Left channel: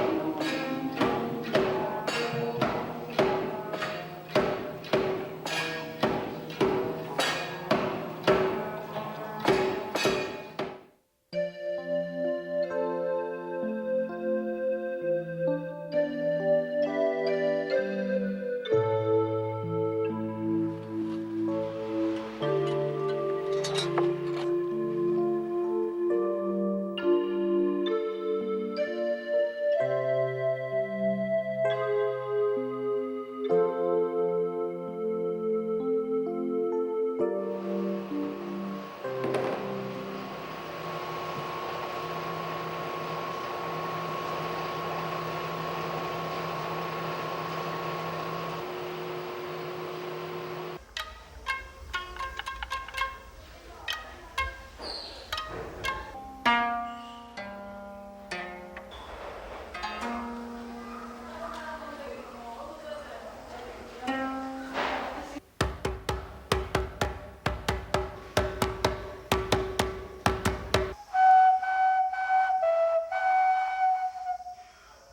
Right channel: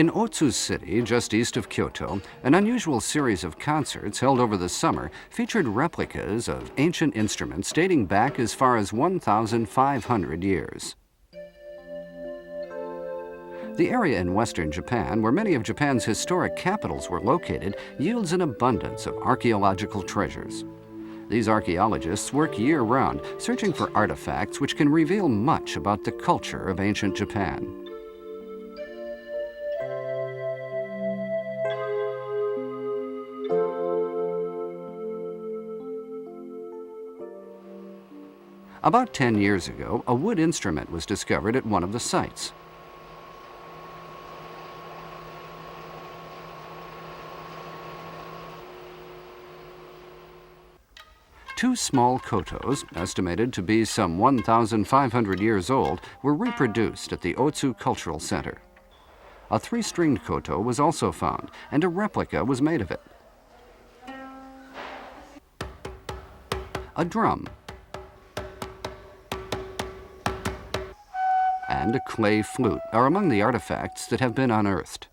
In Otsu City, just east of Kyoto, an unusual series of concerts held over the summer featured replicas of ancient instruments dating back as far as 1,500 years. The area in western Japan, where many of Japan's historic capitals were located, yields an abundance of archaeological treasures. These archaeologists work year-round, searching for artifacts which can reveal much about the culture of ancient Japan. About 10 years ago, a wood instrument was discovered at one of the sites. Two small kotos, estimated to be some 1,500 years old, were reproduced at the Otsu Cultural Center. A three-stringed koto was also found, and a replica was made of it. A drum and a clay flute are among the artifacts that have been unearthed.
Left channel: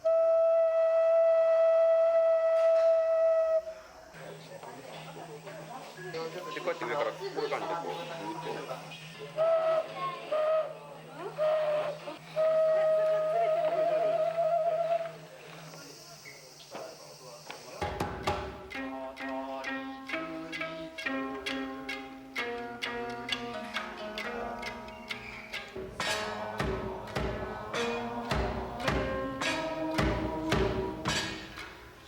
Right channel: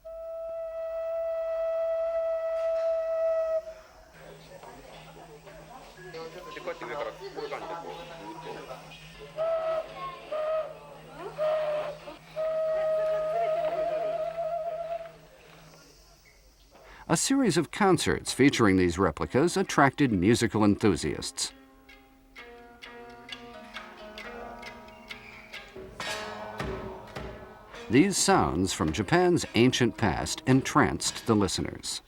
A series of concerts featuring these replicas attracted musical enthusiasts. These sounds from Japan's ancient past entranced the listeners.